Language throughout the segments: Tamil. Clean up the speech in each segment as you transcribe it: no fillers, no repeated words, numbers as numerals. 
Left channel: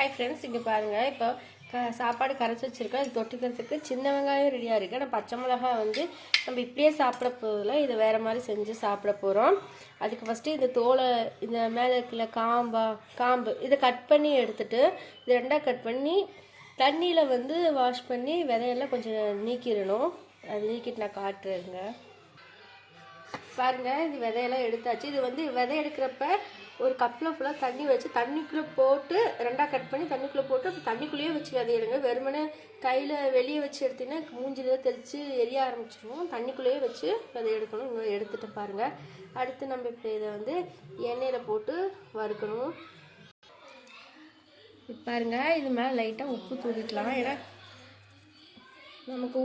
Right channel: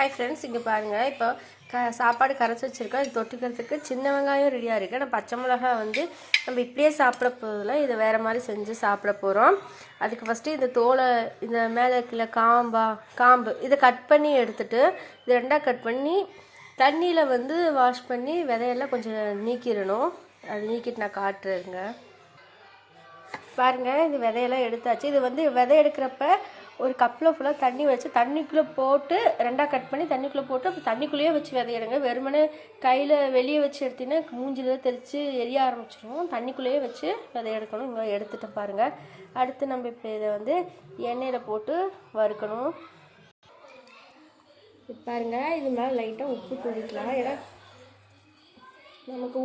ஹாய் ஃப்ரெண்ட்ஸ், இங்கே பாருங்கள். இப்போ சாப்பாடு கரைச்சி வச்சுருக்கேன். இது தொட்டுக்கிறதுக்கு சின்ன வெங்காயம் ரெடியாக இருக்குது. நான் பச்சை மிளகா வந்து நம்ம இப்படியே சாப்பிட போதில் இதை வேறு மாதிரி செஞ்சு சாப்பிட போகிறோம். அதுக்கு ஃபஸ்ட்டு இந்த தோலை, இந்த மேலே இருக்கிற காம்பு இதை கட் பண்ணி எடுத்துகிட்டு இது ரெண்டாக கட் பண்ணி தண்ணியில் வந்து வாஷ் பண்ணி விதையெல்லாம் கொஞ்சம் நீக்கிடணும். அது நீக்கிட்டு நான் காட்டுறேங்க. பாருங்கள், இது விதையெல்லாம் எடுத்தாச்சு. இது வந்து விதை எடுக்கிறப்ப ஒரு கப்பில் ஃபுல்லாக தண்ணி வச்சு தண்ணிக்குள்ளே போட்டு ரெண்டாக கட் பண்ணி தண்ணிக்குள்ளே போட்டு அப்போ தண்ணிக்குள்ளேயே வச்சு விதையிடுங்க. வெறுமனே கையில் வெளியே வச்சு எடுத்திங்கன்னா மூஞ்சில் தெளித்து எரிய ஆரம்பிச்சிடும். தண்ணிக்குள்ளேயே வச்சு விதை எடுக்கணும். இங்கே எடுத்துகிட்டு பாருங்கள். அடுத்து நம்ம இப்போ இதை வந்து எண்ணெயில் போட்டு வறுக்கணும். இப்போ பாருங்கள், இது மேலே லைட்டாக உப்பு தூவிக்கலாம். ஏன்னா நமக்கு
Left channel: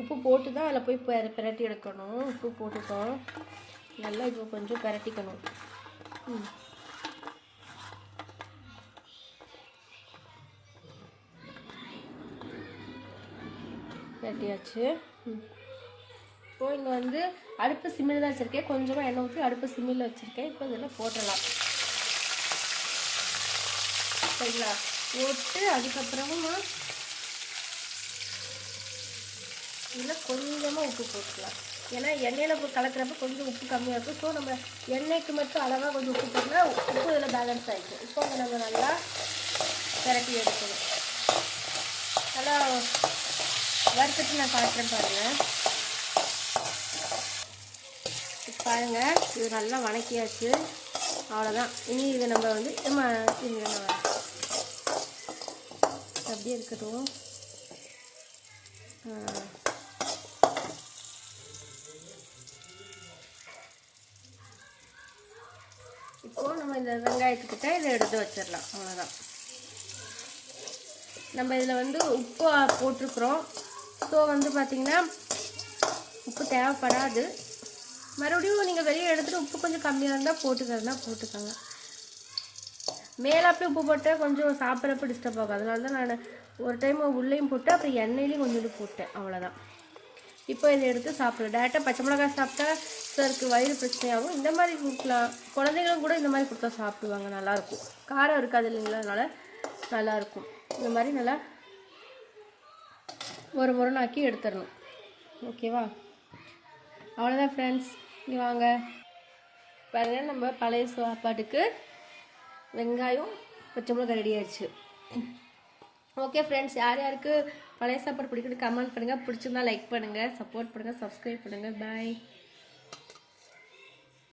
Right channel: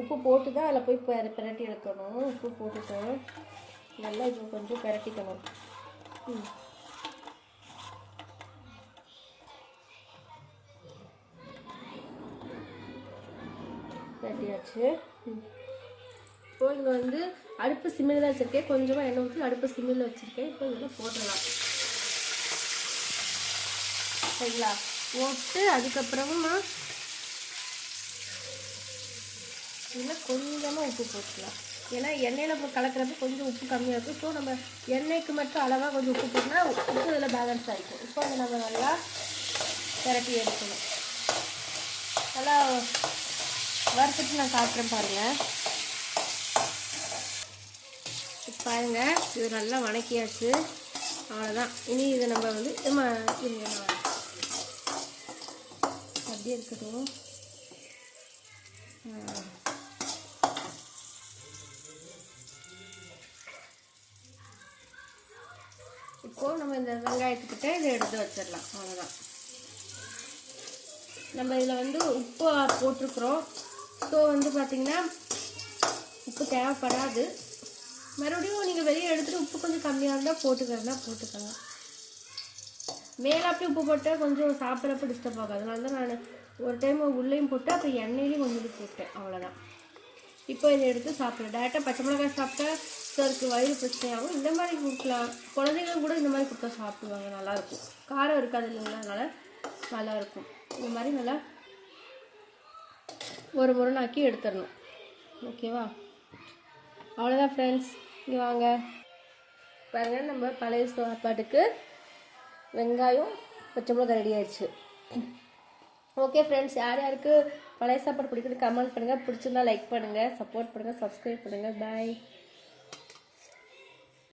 உப்பு போட்டு தான் அதில் போய் பிரட்டி எடுக்கணும். உப்பு போட்டுட்டோம். நல்லா இப்போ கொஞ்சம் பிரட்டிக்கணும். பிரட்டியாச்சு. இப்போ இங்கே வந்து அடுப்பு சிம்மில் தான் வச்சுருக்கேன். கொஞ்சமாக எண்ணெய் ஊற்றி அடுப்பு சிம்மில் வச்சுருக்கேன். இப்போ இதெல்லாம் போட்டுடலாம். சரிங்களா? போட்டு அதுக்கப்புறமா இதில் கொஞ்சமாக உப்பு போட்டுக்கலாம். ஏன்னா எண்ணெயில் கலக்கிறப்ப கொஞ்சம் உப்பு கம்மியாக இருக்கும். ஸோ நம்ம எண்ணெய்க்கு மட்டும் அளவாக கொஞ்சம் உப்பு போட்டோம்னா உப்பு இதில் பேலன்ஸ் ஆகிக்கும். இப்போ அதை நம்ம நல்லா பிரட்டி எடுக்கணும். நல்லா வறுத்துட்டு நான் காட்டுறேன் பாருங்கள். இப்போ பாருங்கள், இது நல்லா வணக்கியாச்சு. அவ்வளோதான். இனி இதை நம்ம வந்து அப்படியே இருக்கட்டும். இப்போது நம்ம இந்த வெங்காயத்துக்கிட்ட இதை எடுத்து வச்சிடலாம். அவ்வளோதான். நம்ம இதில் வந்து உப்பு போட்டிருக்கிறோம். ஸோ வந்து பார்த்திங்கன்னா உப்பு தேவைப்படாது. மறுபடியும் நீங்கள் வெளியே எடுத்துகிட்டு உப்பு கொஞ்சம் கம்மியாக இருந்தால் போட்டுக்கோங்க. மேலாப்பே உப்பு போட்டால் கொஞ்சம் சாப்பிட்றப்ப டிஸ்டர்ப் ஆகும். அதனால தான் நான் ஒரு டைம் உள்ளேயும் போட்டு அப்புறம் எண்ணெயிலையும் கொஞ்சம் போட்டேன். அவ்வளோதான். இப்போ இதை எடுத்து சாப்பிடுவோம். டேரெக்டாக பச்சை மிளகாய் சாப்பிட்டா சிலருக்கு வயிறு பிரச்சனையாகும். இந்த மாதிரி கொடுக்கலாம். குழந்தைகளும் கூட இந்த மாதிரி கொடுத்தா சாப்பிடுவாங்க. நல்லாயிருக்கும். காரம் இருக்காது இல்லைங்களா? அதனால் நல்லாயிருக்கும். இந்த மாதிரி நல்லா ஒரு முறைனாக்கி எடுத்துடணும். ஓகேவா? அவ்வளோதான் ஃப்ரெண்ட்ஸ். இங்கே வாங்க பாருங்கள், நம்ம பழைய சாப்பாட்டுக்கு வெங்காயம் பச்சை மிளகாய் ரெடி ஆயிடுச்சு. ஓகே ஃப்ரெண்ட்ஸ், யார் யாருக்கு பழைய சாப்பாடு பிடிக்குன்னு கமெண்ட் பண்ணுங்கள். பிடிச்சிருந்தா லைக் பண்ணுங்கள், சப்போர்ட் பண்ணுங்கள், சப்ஸ்கிரைப் பண்ணுங்கள். பாய்.